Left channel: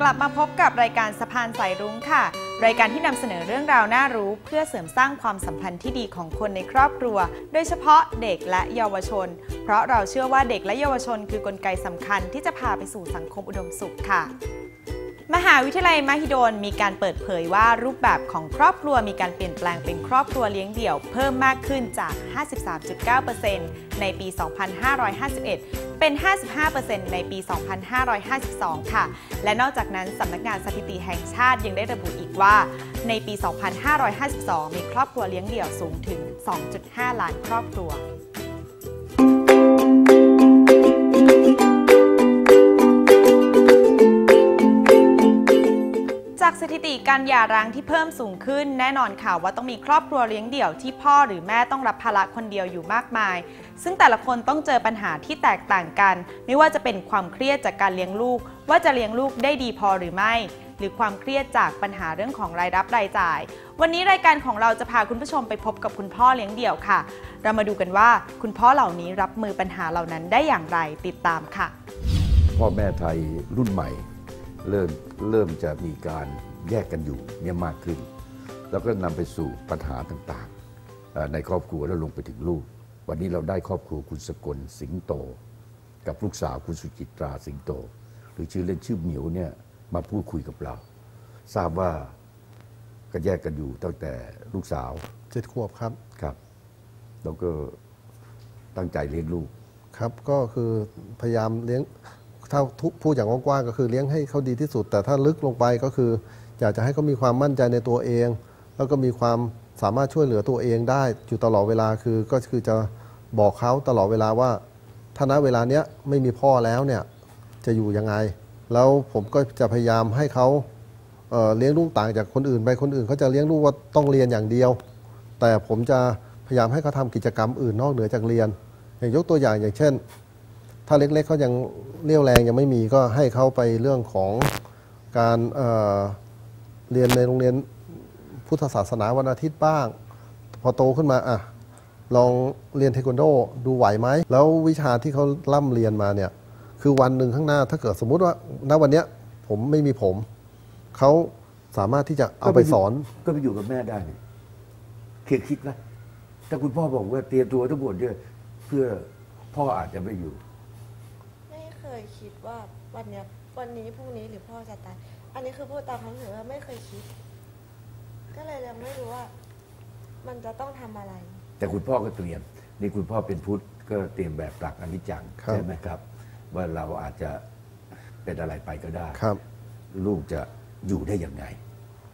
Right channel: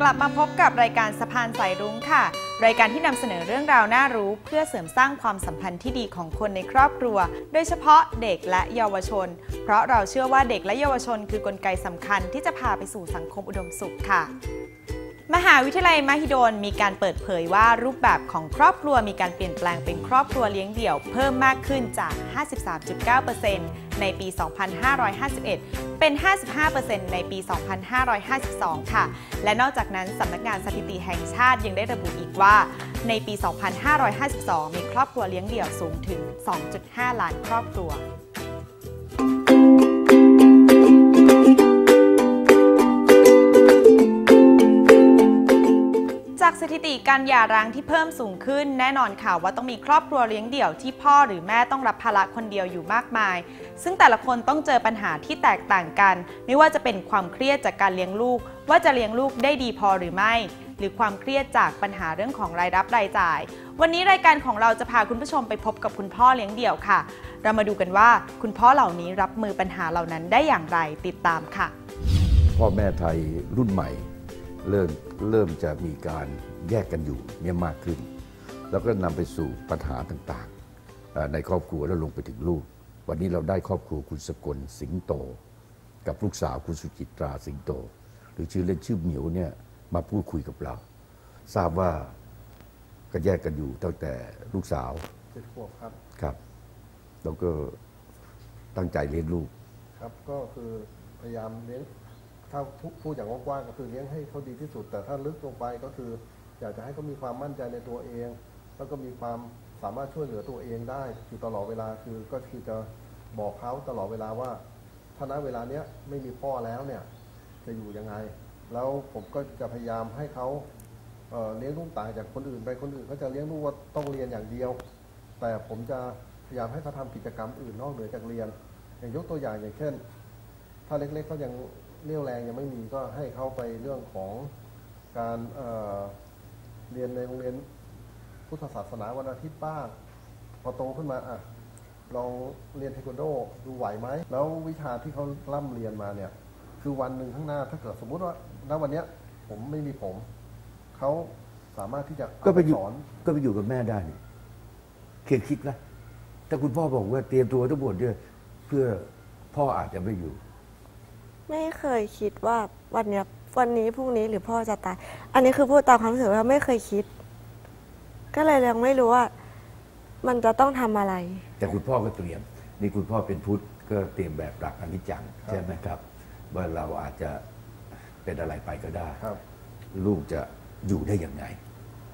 กลับมาพบกับรายการสะพานสายรุ้งค่ะ รายการที่นำเสนอเรื่องราวน่ารู้ เพื่อเสริมสร้างความสัมพันธ์ที่ดีของคนในครอบครัว โดยเฉพาะเด็กและเยาวชน เพราะเราเชื่อว่าเด็กและเยาวชน คือกลไกสำคัญที่จะพาไปสู่สังคมอุดมสุขค่ะ มหาวิทยาลัยมหิดลมีการเปิดเผยว่ารูปแบบของครอบครัวมีการเปลี่ยนแปลงเป็นครอบครัวเลี้ยงเดี่ยว เพิ่มมากขึ้นจาก 53.9%ในปี 2551 เป็น 55%ในปี 2552 ค่ะ และนอกจากนั้นสำนักงานสถิติแห่งชาติยังได้ระบุอีกว่า ในปี 2552 มีครอบครัวเลี้ยงเดี่ยวสูงถึง 2.5 ล้านครอบครัว ถิติการหย่าร้างที่เพิ่มสูงขึ้น แน่นอนค่ะว่าต้องมีครอบครัวเลี้ยงเดี่ยวที่พ่อหรือแม่ต้องรับภาระคนเดียวอยู่มากมาย ซึ่งแต่ละคนต้องเจอปัญหาที่แตกต่างกัน ไม่ว่าจะเป็นความเครียดจากการเลี้ยงลูก ว่าจะเลี้ยงลูกได้ดีพอหรือไม่ หรือความเครียดจากปัญหาเรื่องของรายรับรายจ่าย วันนี้รายการของเราจะพาคุณผู้ชมไปพบกับคุณพ่อเลี้ยงเดี่ยวค่ะ เรามาดูกันว่าคุณพ่อเหล่านี้รับมือปัญหาเหล่านั้นได้อย่างไรติดตามค่ะ พ่อแม่ไทยรุ่นใหม่ เริ่มเริ่มจะมีการแยกกันอยู่เนี่ยมากขึ้น แล้วก็นำไปสู่ปัญหาต่างๆเอ่อในครอบครัวแล้วลงไปถึงลูก วันนี้เราได้ครอบครัวคุณสกลสิงโต กับลูกสาวคุณสุจิตราสิงโต หรือชื่อเล่นชื่อเหมียวเนี่ยมาพูดคุยกับเรา ทราบว่าก็แยกกันอยู่ตั้งแต่ลูกสาวเจ็ดขวบครับครับแล้วก็ตั้งใจเลี้ยงลูกครับก็คือพยายามเลี้ยง ถ้าพูดอย่างกว้างๆก็คือเลี้ยงให้เขาดีที่สุด แต่ถ้าลึกลงไปก็คือ อยากจะให้เขามีความมั่นใจในตัวเอง แล้วก็มีความสามารถช่วยเหลือตัวเองได้อยู่ตลอดเวลาคือก็คือจะบอกเขาตลอดเวลาว่าถ้าณเวลาเนี้ยไม่มีพ่อแล้วเนี่ยจะอยู่ยังไง แล้วผมก็จะพยายามให้เขาเเลี้ยงลูกต่างจากคนอื่นไปคนอื่นเขาจะเลี้ยงลูกว่าต้องเรียนอย่างเดียว แต่ผมจะพยายามให้เขาทำกิจกรรมอื่นนอกเหนือจากเรียน อย่างยกตัวอย่างอย่างเช่น ถ้าเล็กๆเขายังเรี่ยวแรงยังไม่มีก็ให้เขาไปเรื่องของการเเรียนในโรงเรียนพุทธศาสนาวันอาทิตย์บ้าง พอโตขึ้นมาอะลองเรียนเทควันโดดูไหวไหม แล้ววิชาที่เขาล่ำเรียนมาเนี่ย คือวันหนึ่งข้างหน้าถ้าเกิดสมมุติว่าณวันเนี้ยผมไม่มีผม เขาสามารถที่จะเอาไปสอน ก็ไปอยู่กับแม่ได้เนี่ยเคยคิดไหมถ้าคุณพ่อบอกว่าเตรียมตัวทั้งหมดเนี่ยเพื่อพ่ออาจจะไม่อยู่ ไม่เคยคิดว่าวันเนี้ยวันนี้พรุ่งนี้หรือพ่อจะตาย อันนี้คือพูดตามความรู้สึกว่าไม่เคยคิด ก็เลยยังไม่รู้ว่า มันจะต้องทำอะไร แต่คุณพ่อก็เตรียม นี่คุณพ่อเป็นพุทธก็เตรียมแบบหลักอนิจจังครับ ใช่ไหมครับ ว่าเราอาจจะเป็นอะไรไปก็ได้ ครับ ลูกจะอยู่ได้ยังไง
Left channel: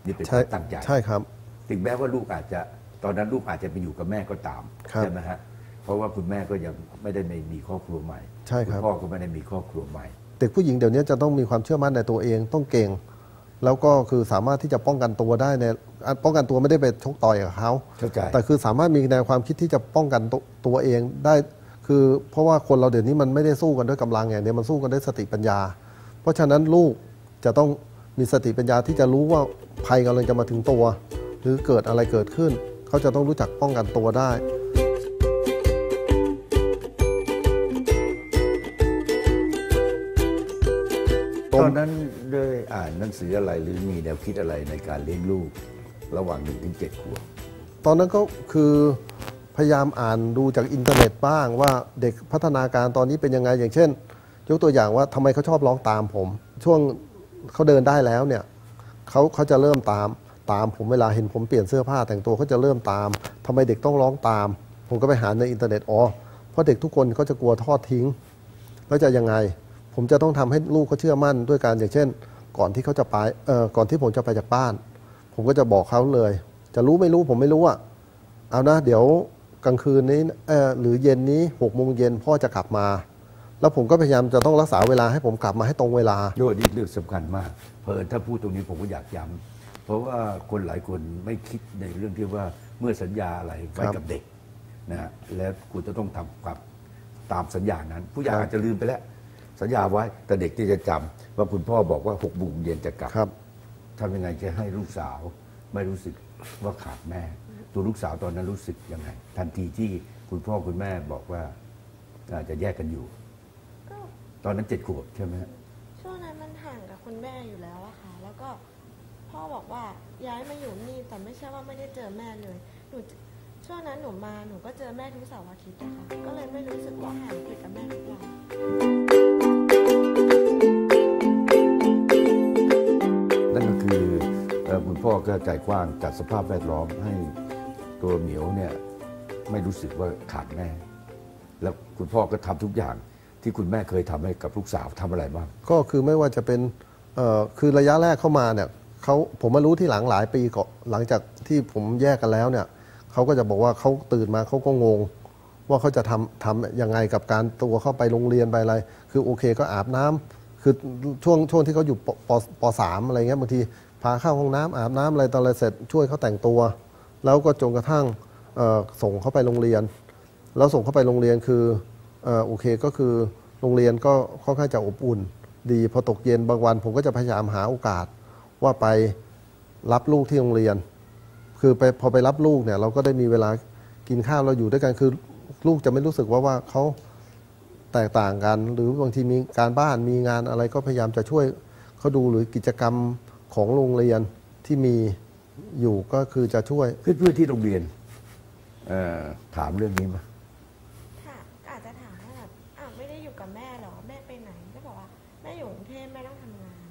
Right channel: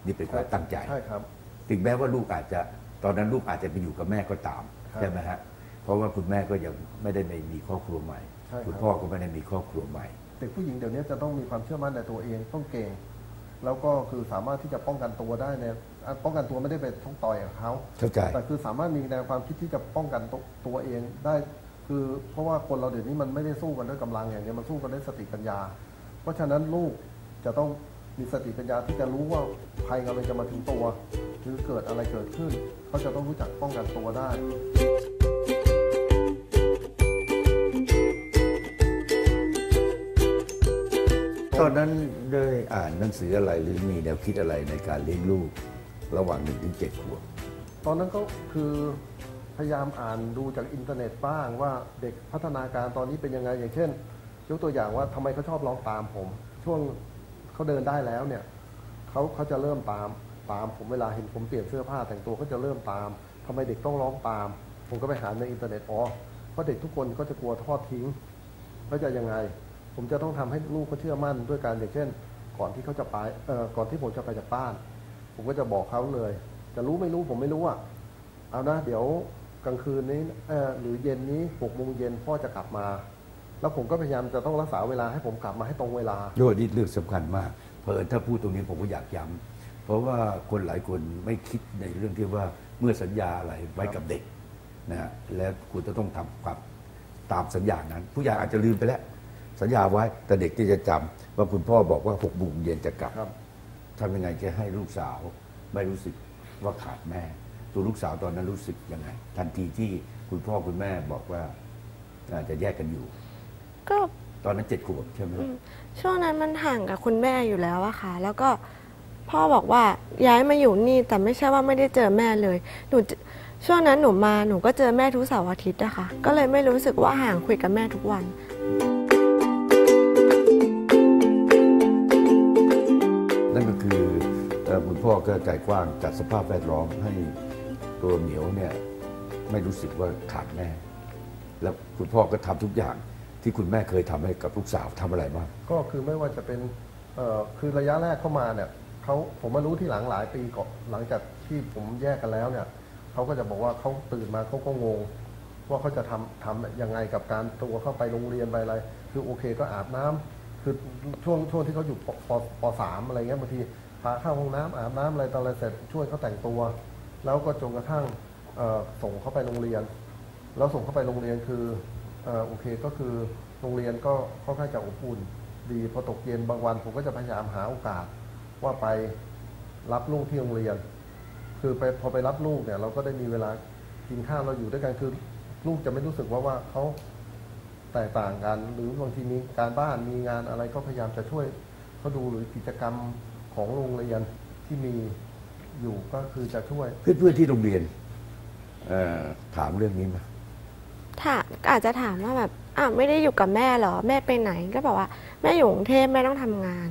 นี่เป็นความตั้งใจ ใช่ครับ ถึงแม้ว่าลูกอาจจะตอนนั้นลูกอาจจะไปอยู่กับแม่ก็ตาม ครับ ใช่ไหมฮะ เพราะว่าคุณแม่ก็ยังไม่ได้มีครอบครัวใหม่ใช่ครับณพ่อก็ไม่ได้มีครอบครัวใหม่ เด็กผู้หญิงเดี๋ยวนี้จะต้องมีความเชื่อมั่นในตัวเองต้องเก่ง แล้วก็คือสามารถที่จะป้องกันตัวได้ในอะป้องกันตัวไม่ได้ไปชกต่อยกับเขาเข้าใจแต่คือสามารถมีแนวความคิดที่จะป้องกันตัวตัวเองได้ คือเพราะว่าคนเราเดี๋ยวนี้มันไม่ได้สู้กันด้วยกำลังอย่างเดียวมันสู้กันด้วยสติปัญญา เพราะฉะนั้นลูกจะต้องมีสติปัญญาที่จะรู้ว่าภัยกำลังจะมาถึงตัว หรือเกิดอะไรเกิดขึ้น เขาจะต้องรู้จักป้องกันตัวได้ ตอนนั้นได้อ่านหนังสืออะไรหรือมีแนวคิดอะไรในการเลี้ยงลูกระหว่างหนึ่งถึงเจ็ดขวบตอนนั้นก็คือพยายามอ่านดูจากอินเทอร์เน็ตบ้างว่าเด็กพัฒนาการตอนนี้เป็นยังไงอย่างเช่น ยกตัวอย่างว่าทำไมเขาชอบร้องตามผม ช่วงเขาเดินได้แล้วเนี่ยเขาเขาจะเริ่มตามตามผมเวลาเห็นผมเปลี่ยนเสื้อผ้าแต่งตัวเขาจะเริ่มตามทำไมเด็กต้องร้องตาม ผมก็ไปหาในอินเทอร์เน็ตอ๋อเพราะเด็กทุกคนเขาจะกลัวทอดทิ้งแล้วจะยังไง ผมจะต้องทำให้ลูกเขาเชื่อมั่นด้วยการอย่างเช่น ก่อนที่เขาจะไปเอ่อก่อนที่ผมจะไปจากบ้าน ผมก็จะบอกเขาเลย จะรู้ไม่รู้ผมไม่รู้อะเอานะ เดี๋ยวกลางคืนนี้เอ่อหรือเย็นนี้หกโมงเย็นพ่อจะกลับมา แล้วผมก็พยายามจะต้องรักษาเวลาให้ผมกลับมาให้ตรงเวลาโยนี่เรื่องสำคัญมาก เพอถ้าพูดตรงนี้ผมก็อยากย้ำเพราะว่าคนหลายคนไม่คิดในเรื่องที่ว่าเมื่อสัญญาอะไรไว้ครับกับเด็กนะฮะแล้วคุณจะต้องทำความตามสัญญานั้น ผู้ใหญ่อาจจะลืมไปแล้ว สัญญาไว้แต่เด็กที่จะจำว่าคุณพ่อบอกว่าหกโมงเย็นจะกลับครับทำยังไงจะให้ลูกสาวไม่รู้สึกว่าขาดแม่ ตัวลูกสาวตอนนั้นรู้สึกยังไง ทันทีที่คุณพ่อคุณแม่บอกว่าอาจจะแยกกันอยู่ ก็ตอนนั้นเจ็ดขวบใช่ไหมฮะช่วงนั้นมันห่างกับคุณแม่อยู่แล้วอะค่ะ แล้วก็พ่อบอกว่าย้ายมาอยู่นี่แต่ไม่ใช่ว่าไม่ได้เจอแม่เลยหนูจะช่วงนั้นหนูมาหนูก็เจอแม่ทุกเสาร์อาทิตย์อะค่ะก็เลยไม่รู้สึกว่าห่างคุยกับแม่ทุกวัน นั่นก็คือคุณพ่อก็ใจกว้างจัดสภาพแวดล้อมให้ตัวเหมียวเนี่ยไม่รู้สึกว่าขาดแม่ แล้วคุณพ่อก็ทำทุกอย่างที่คุณแม่เคยทำให้กับลูกสาวทำอะไรบ้างก็คือไม่ว่าจะเป็นคือระยะแรกเข้ามาเนี่ยเขาผมมารู้ที่หลังหลายปีก่อนหลังจากที่ผมแยกกันแล้วเนี่ยเขาก็จะบอกว่าเขาตื่นมาเขาก็งง ว่าเขาจะทำทำยังไงกับการตัวเข้าไปโรงเรียนไปอะไร คือโอเคก็อาบน้ำ คือช่วงช่วงที่เขาอยู่ปปสามอะไรเงี้ยบางทีพาเข้าห้องน้ำอาบน้ำอะไรตอนอะไรเสร็จช่วยเขาแต่งตัว แล้วก็จนกระทั่งส่งเขาไปโรงเรียน แล้วส่งเขาไปโรงเรียนคือออโอเคก็คือโรงเรียนก็ค่อนข้างจะอบอุ่น ดีพอตกเย็นบางวัน ผมก็จะพยายามหาโอกาสว่าไปรับลูกที่โรงเรียน คือไปพอไปรับลูกเนี่ยเราก็ได้มีเวลากินข้าวเราอยู่ด้วยกันคือลูกจะไม่รู้สึกว่าว่าเขา แตกต่างกัน หรือบางทีมีการบ้านมีงานอะไรก็พยายามจะช่วยเขาดูหรือกิจกรรมของโรงเรียนที่มีอยู่ก็คือจะช่วย เพื่อนๆที่โรงเรียนเอ่อถามเรื่องนี้มาถามอาจจะถามว่าแบบอ้าวไม่ได้อยู่กับแม่เหรอ แม่ไปไหนก็บอกว่าแม่อยู่กรุงเทพแม่ต้องทำงาน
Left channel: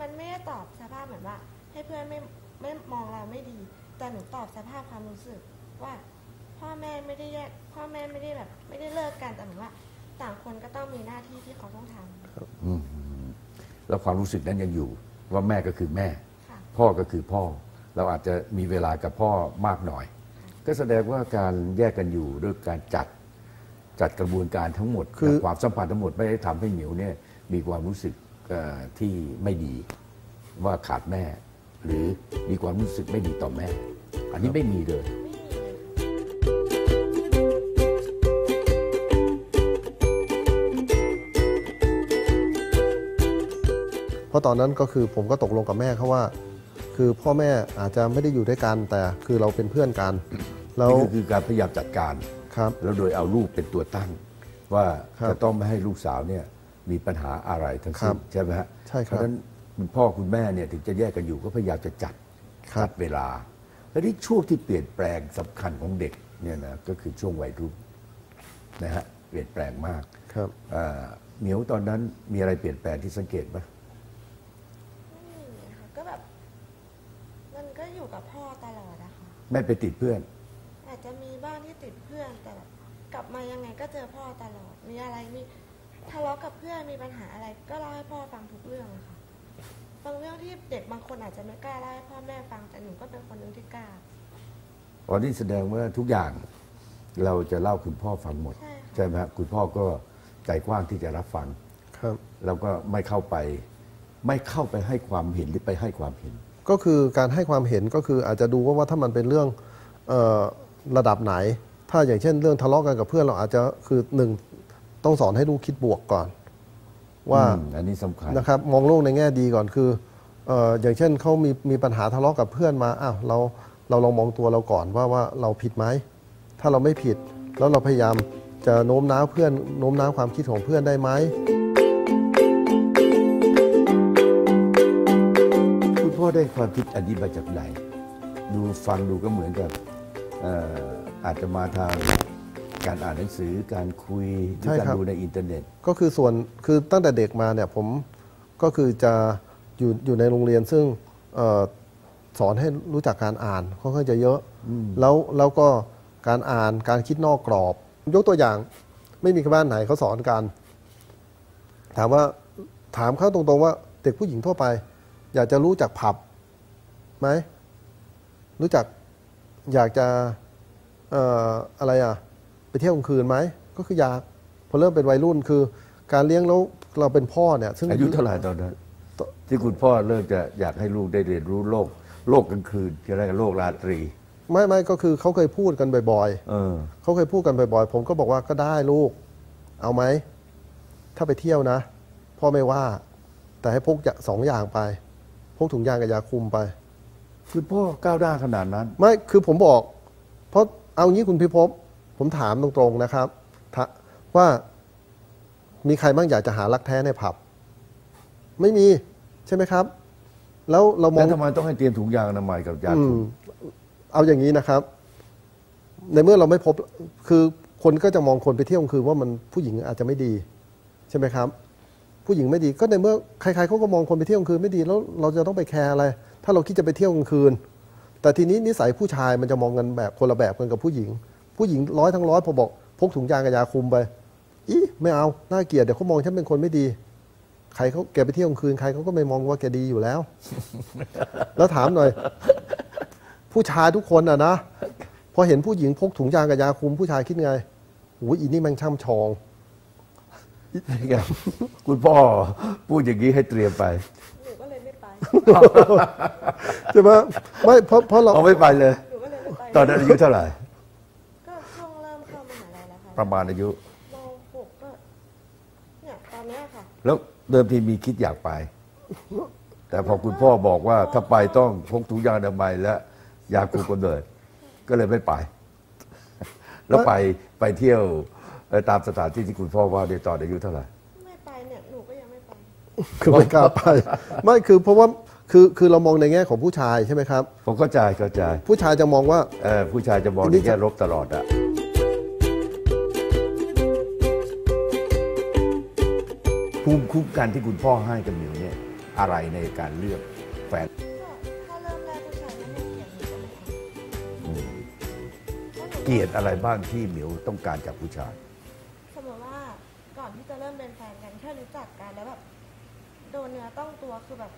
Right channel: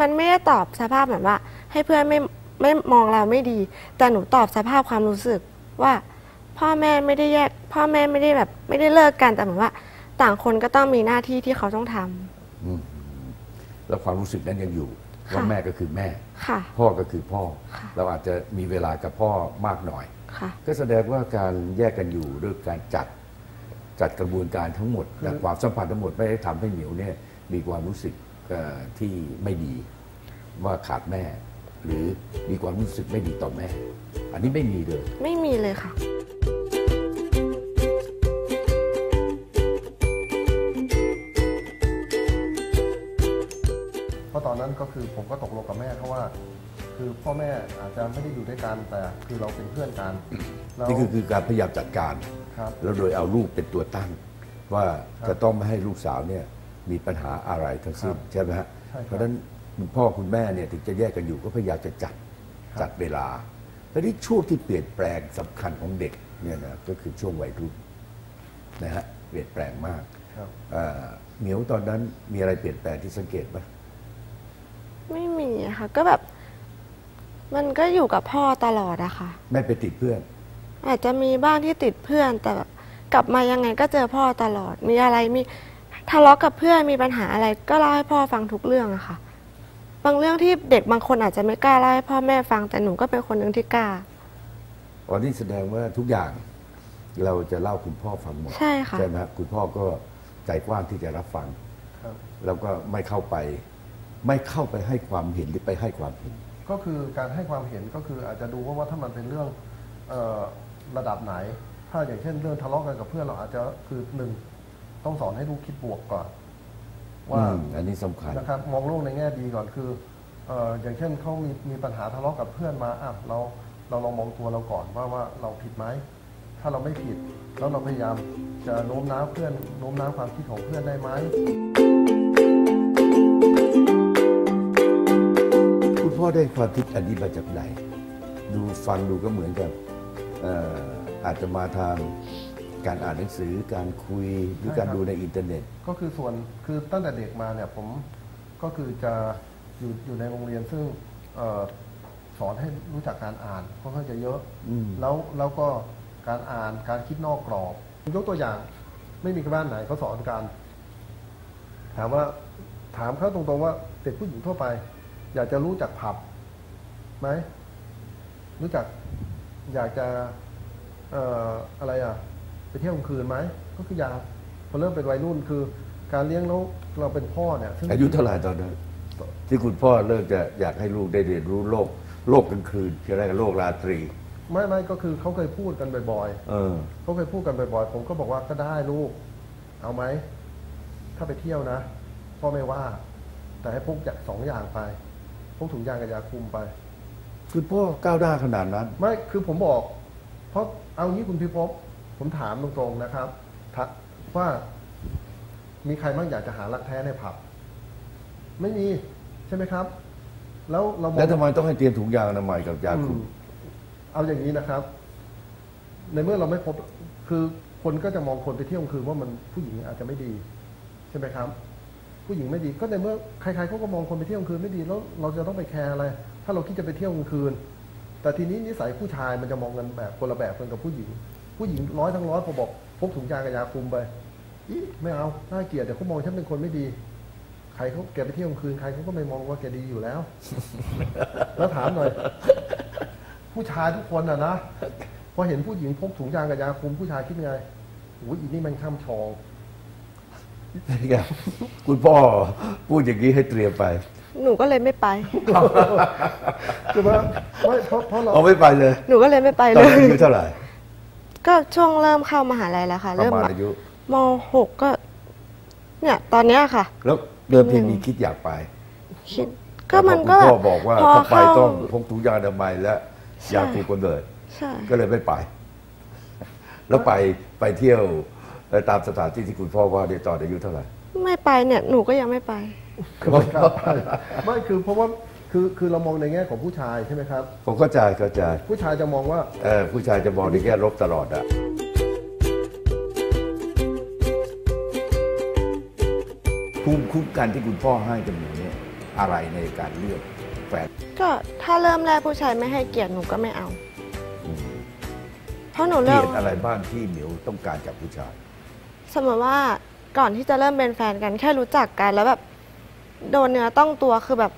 มันไม่ได้ตอบสภาพแบบว่า ให้เพื่อนไม่ไม่มองเราไม่ดี แต่หนูตอบสภาพความรู้สึกว่า พ่อแม่ไม่ได้แยก พ่อแม่ไม่ได้แบบ ไม่ได้เลิกกันแต่เหมือนว่า ต่างคนก็ต้องมีหน้าที่ที่เขาต้องทำ อืมแล้วความรู้สึกนั้นยังอยู่ ว่าค่ะแม่ก็คือแม่ ค่ะ พ่อก็คือพ่อ ค่ะ เราอาจจะมีเวลากับพ่อมากหน่อย ค่ะ ก็แสดงว่าการแยกกันอยู่ด้วยการจัดจัดกระบวนการทั้งหมดคือและความสัมพันธ์ทั้งหมดไม่ได้ทำให้เหมียวเนี่ยมีความรู้สึกเอ่อที่ไม่ดี ว่าขาดแม่ หรือมีความรู้สึกไม่ดีต่อแม่ อันนี้ไม่มีเลย ไม่มีเลยค่ะะตอนนั้นก็คือผมก็ตกลงกับแม่เขาว่า คือพ่อแม่อาจจะไม่ได้อยู่ด้วยกันแต่คือเราเป็นเพื่อนกันแล้วนี่คือคือการพยายามจัดการครับแล้วโดยเอาลูกเป็นตัวตั้ง ว่าครับจะต้องไม่ให้ลูกสาวเนี่ยมีปัญหาอะไรทั้งสิ้นครับใช่ไหมฮะใช่ครับเพราะฉะนั้นคุณพ่อคุณแม่เนี่ยถึงจะแยกกันอยู่ก็พยายามจะจัดครับจัดเวลาแล้วที่ช่วงที่เปลี่ยนแปลงสำคัญของเด็กเนี่ยนะก็คือช่วงวัยรุ่นนะฮะเปลี่ยนแปลงมากครับอ่าเหมียวตอนนั้นมีอะไรเปลี่ยนแปลงที่สังเกตไหม ไม่มีอะค่ะ ก็แบบ มันก็อยู่กับพ่อตลอดอะค่ะ ไม่ไปติดเพื่อน อาจจะมีบ้างที่ติดเพื่อน แต่แบบกลับมายังไงก็เจอพ่อตลอด มีอะไรมีทะเลาะกับเพื่อนมีปัญหาอะไร ก็เล่าให้พ่อฟังทุกเรื่องอะค่ะ บางเรื่องที่เด็กบางคนอาจจะไม่กล้าเล่าให้พ่อแม่ฟังแต่หนูก็เป็นคนหนึ่งที่กล้าอ๋อนี่แสดงว่าทุกอย่างเราจะเล่าคุณพ่อฟังหมดใช่ค่ะไหมฮะคุณพ่อก็ใจกว้างที่จะรับฟัง ครับ แล้วก็ไม่เข้าไป ไม่เข้าไปให้ความเห็นหรือไปให้ความเห็น ก็คือการให้ความเห็นก็คืออาจจะดูว่าว่าถ้ามันเป็นเรื่องเออระดับไหน ถ้าอย่างเช่น เรื่องทะเลาะกันกับเพื่อนเราอาจจะคือหนึ่งต้องสอนให้ลูกคิดบวกก่อน ว่าอืมอันนี้สำคัญ นะครับมองโลกในแง่ดีก่อนคือเอออย่างเช่นเขามีมีปัญหาทะเลาะกับเพื่อนมาอ้าวเราเราลองมองตัวเราก่อนว่าว่าเราผิดไหมถ้าเราไม่ผิด แล้วเราพยายามจะโน้มน้าวเพื่อนโน้มน้าวความคิดของเพื่อนได้ไหม พ่อได้ความคิดอันนี้มาจากไหน ดูฟังดูก็เหมือนกับเอ่ออาจจะมาทางการอ่านหนังสือการคุยหรือใช่การครับดูในอินเทอร์เน็ต ก็คือส่วนคือตั้งแต่เด็กมาเนี่ยผมก็คือจะอยู่อยู่ในโรงเรียนซึ่งเออสอนให้รู้จักการอ่านค่อนข้างจะเยอะแล้วแล้วก็การอ่านการคิดนอกกรอบ ยกตัวอย่างไม่มีบ้านไหนเขาสอนการ ถามว่าถามเขาตรงๆว่าเด็กผู้หญิงทั่วไป อยากจะรู้จักผับไหมรู้จักอยากจะเอ่ออะไรอะ ไปเที่ยวกลางคืนไหมก็คืออยากพอเริ่มเป็นวัยรุ่นคือ การเลี้ยงแล้วเราเป็นพ่อเนี่ยซึ่งอายุเท่าไหร่ตอนนั้นที่คุณพ่อเริ่มจะอยากให้ลูกได้เรียนรู้โลก โลกกลางคืนที่เรียกว่าโลกราตรี ไม่ไม่ก็คือเขาเคยพูดกันบ่อยเออๆเขาเคยพูดกันบ่อยๆ ผมก็บอกว่าก็ได้ลูก เอาไหม ถ้าไปเที่ยวนะ พ่อไม่ว่า แต่ให้พกอย่าสองอย่างไปพ กถุงยางกับยาคุมไป คุณพ่อก้าวหน้าขนาดนั้น ไม่คือผมบอก เพราะเอางี้คุณพิภพผมถามตรงๆนะครับถาว่ามีใครบ้างอยากจะหารักแท้ในผับ ไม่มีใช่ไหมครับ แล้วเรามองแล้วทำไมต้องให้เตรียมถุงยางอนามัยกับยาคุมอืมเอาอย่างนี้นะครับ ในเมื่อเราไม่พบคือคนก็จะมองคนไปเที่ยวกลางคืนว่ามันผู้หญิงอาจจะไม่ดี ใช่ไหมครับ ผู้หญิงไม่ดีก็ในเมื่อใครๆเขาก็มองคนไปเที่ยวกลางคืนไม่ดีแล้วเราจะต้องไปแคร์อะไร ถ้าเราคิดจะไปเที่ยวกลางคืน แต่ทีนี้นิสัยผู้ชายมันจะมองกันแบบคนละแบบกันกับผู้หญิง ผู้หญิงร้อยทั้งร้อยพอบอกพกถุงยางกับยาคุมไปอีไม่เอาน่าเกลียดเดี๋ยวเขามองฉันเป็นคนไม่ดีใครเขาแกไปเที่ยวกลางคืนใครเขาก็ไม่มองว่าแกดีอยู่แล้ว แล้วถามหน่อย ผู้ชายทุกคนอะนะพอเห็นผู้หญิงพกถุงยางกับยาคุมผู้ชายคิดไงโอ้ยอีนี่มันช่ำชอง คุณพ่อพูดอย่างนี้ให้เตรียมไป หนูก็เลยไม่ไป ใช่ไหมไม่เพราะเพราะเราเอาไม่ไปเลย หนูก็เลยไม่ไปตอนเลนั้นยอายุเท่าไหร่ ก็ช่วงเริ่มเข้ามหาลัยแล้วค่ะประเริ่มมาณแบบอายุมหกก็ เนี่ย ตอนเนี้ยค่ะ แล้วเดิมทีมีคิดอยากไปคิดแต่ก็พมัอนคุณก็พ่อบอกว่าพถ้าไปเข้ต้องพกถุงยางอนามัยและยาคุมกำเนิดใช่ก็เลยไม่ไป แล้วไปไปเที่ยวเอ่อ ตามสถานที่ที่คุณพ่อว่าในตอนอายุเท่าไหร่ ไม่ไปเนี่ยหนูก็ยังไม่ไป คือไม่กล้าไปไม่คือเพราะว่าคือคือเรามองในแง่ของผู้ชายใช่ไหมครับ ผมเข้าใจเข้าใจ ผู้ชายจะมองว่าเออผู้ชายจะมองในแง่ลบตลอดอะภูมิคุ้มกันที่คุณพ่อให้กับหนูเนี่ยอะไรในการเลือกแฟนก็ถ้าเริ่มแรกผู้ชายไม่ให้เกียรติหนูก็ไม่เอาอืมเพราะหนูเกเริ่ลีมยดอะไรบ้างที่หมิวต้องการจากผู้ชาย สมมติว่าก่อนที่จะเริ่มเป็นแฟนกันแค่รู้จักกันแล้วแบบโดนเนื้อต้องตัวคือแบบ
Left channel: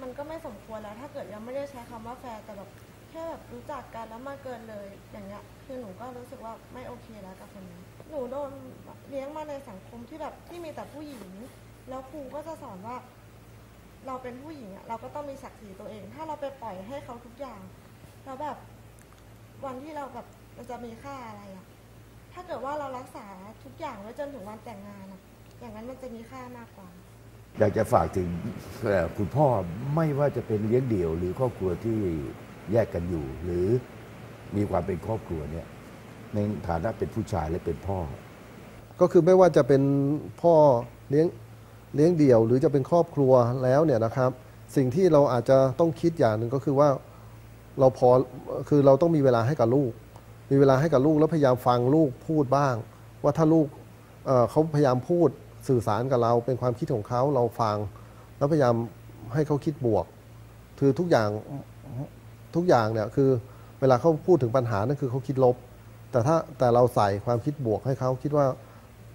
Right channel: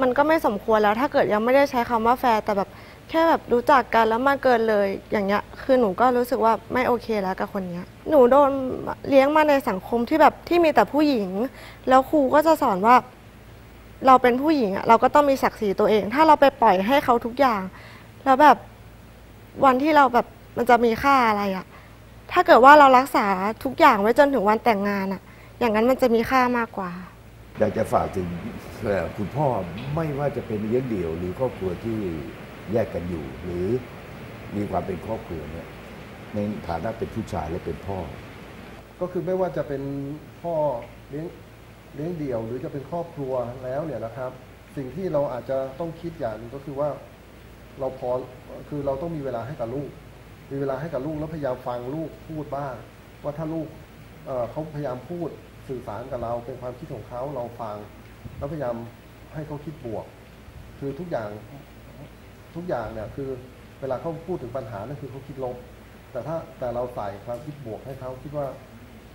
มันก็ไม่สมควรแล้ว ถ้าเกิดยังไม่ได้ใช้คำว่าแฟนแต่แบบแค่แบบรู้จักกันแล้วมาเกินเลยอย่างเงี้ย คือหนูก็รู้สึกว่าไม่โอเคแล้วกับคนเนี้ย หนูโดนเลี้ยงมาในสังคมที่แบบที่มีแต่ผู้หญิง แล้วครูก็จะสอนว่า เราเป็นผู้หญิงอะเราก็ต้องมีศักดิ์ศรีตัวเอง ถ้าเราไปปล่อยให้เขาทุกอย่าง แล้วแบบวันที่เราแบบมันจะมีค่าอะไรอะ ถ้าเกิดว่าเรารักษาทุกอย่างไว้จนถึงวันแต่งงานอะอย่างนั้นมันจะมีค่ามากกว่า อยากจะฝากถึงเอ่อคุณพ่อไม่ว่าจะเป็นเลี้ยงเดี่ยว หรือครอบครัวที่แยกกันอยู่ หรือมีความเป็นครอบครัวเนี่ยในฐานะเป็นผู้ชายและเป็นพ่อ ก็คือไม่ว่าจะเป็นพ่อเลี้ยงเลี้ยงเดี่ยว หรือจะเป็นครอบครัวแล้วเนี่ยนะครับ สิ่งที่เราอาจจะต้องคิดอย่างหนึ่งก็คือว่าเราพอคือเราต้องมีเวลาให้กับลูก มีเวลาให้กับลูกแล้วพยายามฟังลูกพูดบ้าง ว่าถ้าลูกเเขาพยายามพูดสื่อสารกับเรา เป็นความคิดของเขาเราฟัง แล้วพยายามให้เขาคิดบวก คือทุกอย่างทุกอย่างเนี่ยคือเวลาเขาพูดถึงปัญหานั่นคือเขาคิดลบ แต่ถ้าแต่เราใส่ความคิดบวกให้เขาคิดว่า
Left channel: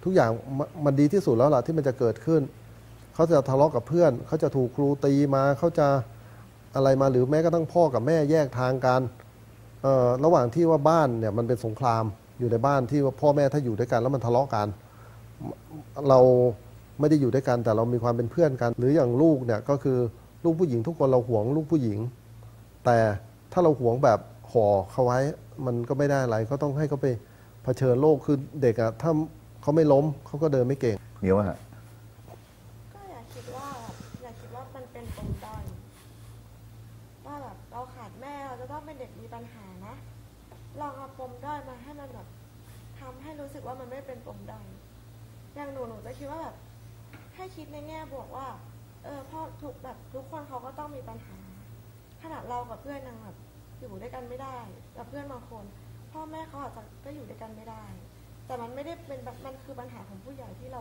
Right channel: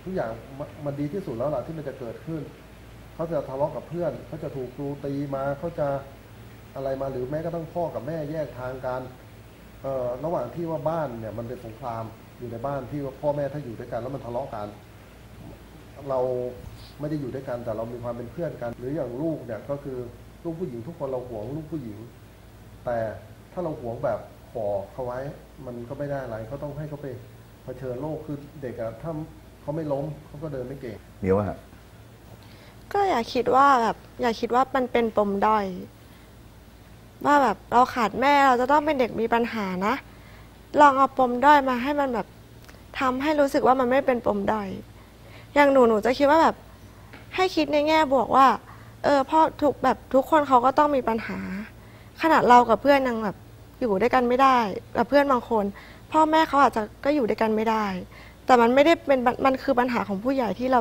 ทุกอย่างมันดีที่สุดแล้วล่ะที่มันจะเกิดขึ้น เขาจะทะเลาะกับเพื่อน เขาจะถูกครูตีมาเขาจะอะไรมาหรือแม้กระทั่งพ่อกับแม่แยกทางกันเระหว่างที่ว่าบ้านเนี่ยมันเป็นสงครามอยู่ในบ้านที่ว่าพ่อแม่ถ้าอยู่ด้วยกันแล้วมันทะเลาะกัน เราไม่ได้อยู่ด้วยกันแต่เรามีความเป็นเพื่อนกัน หรืออย่างลูกเนี่ยก็คือลูกผู้หญิงทุกคนเราหวงลูกผู้หญิง แต่ถ้าเราหวงแบบห่อเขาไว้มันก็ไม่ได้อะไรก็ต้องให้เขาไปเผชิญโลกคือเด็กอะถ้าเขาไม่ล้มเขาก็เดินไม่เก่งเมียวฮะก็อย่าคิดว่าแบบอย่าคิดว่ามันเป็นปมด้อย ว่าแบบเราขาดแม่เราจะต้องเป็นเด็กมีปัญหานะ ลองเอาปมด้อยมาให้มันแบบทำให้รู้สึกว่ามันไม่เป็นปมด้อยอย่างหนูหนูจะคิดว่าแบบให้คิดในแง่บวกว่า เออพ่อทุกแบบทุกคนเขาก็ต้องมีปัญหา ขนาดเรากับเพื่อนยังแบบอยู่ด้วยกันไม่ได้กับเพื่อนบางคน พ่อแม่เขาอาจจะก็อยู่ด้วยกันไม่ได้ แต่มันไม่ได้เป็นมันคือปัญหาของผู้ใหญ่ที่เรา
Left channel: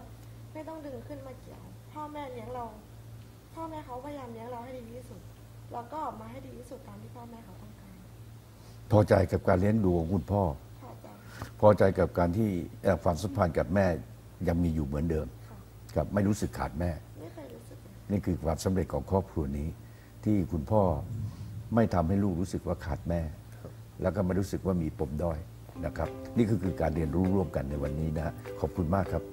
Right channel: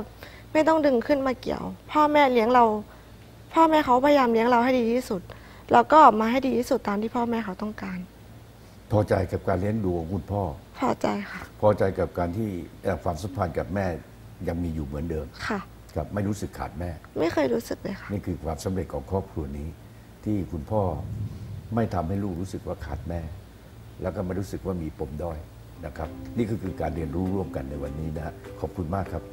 ไม่ต้องดึงขึ้นมาเกี่ยว พ่อแม่เลี้ยงเรา พ่อแม่เขาพยายามเลี้ยงเราให้ดีที่สุด แล้วก็ออกมาให้ดีที่สุดตามที่พ่อแม่เขาต้องการ พอใจกับการเลี้ยงดูของคุณพ่อ พอใจค่ะ พอใจกับการที่เอ่อความสัมพันธ์กับแม่ยังมีอยู่เหมือนเดิมค่ะ ครับไม่รู้สึกขาดแม่ ไม่เคยรู้สึกเลยค่ะ นี่คือความสำเร็จของครอบครัวนี้ ที่คุณพ่อไม่ทำให้ลูกรู้สึกว่าขาดแม่ แล้วก็ไม่รู้สึกว่ามีปมด้อยนะครับ นี่ก็คือการเรียนรู้ร่วมกันในวันนี้นะฮะขอบคุณมากครับ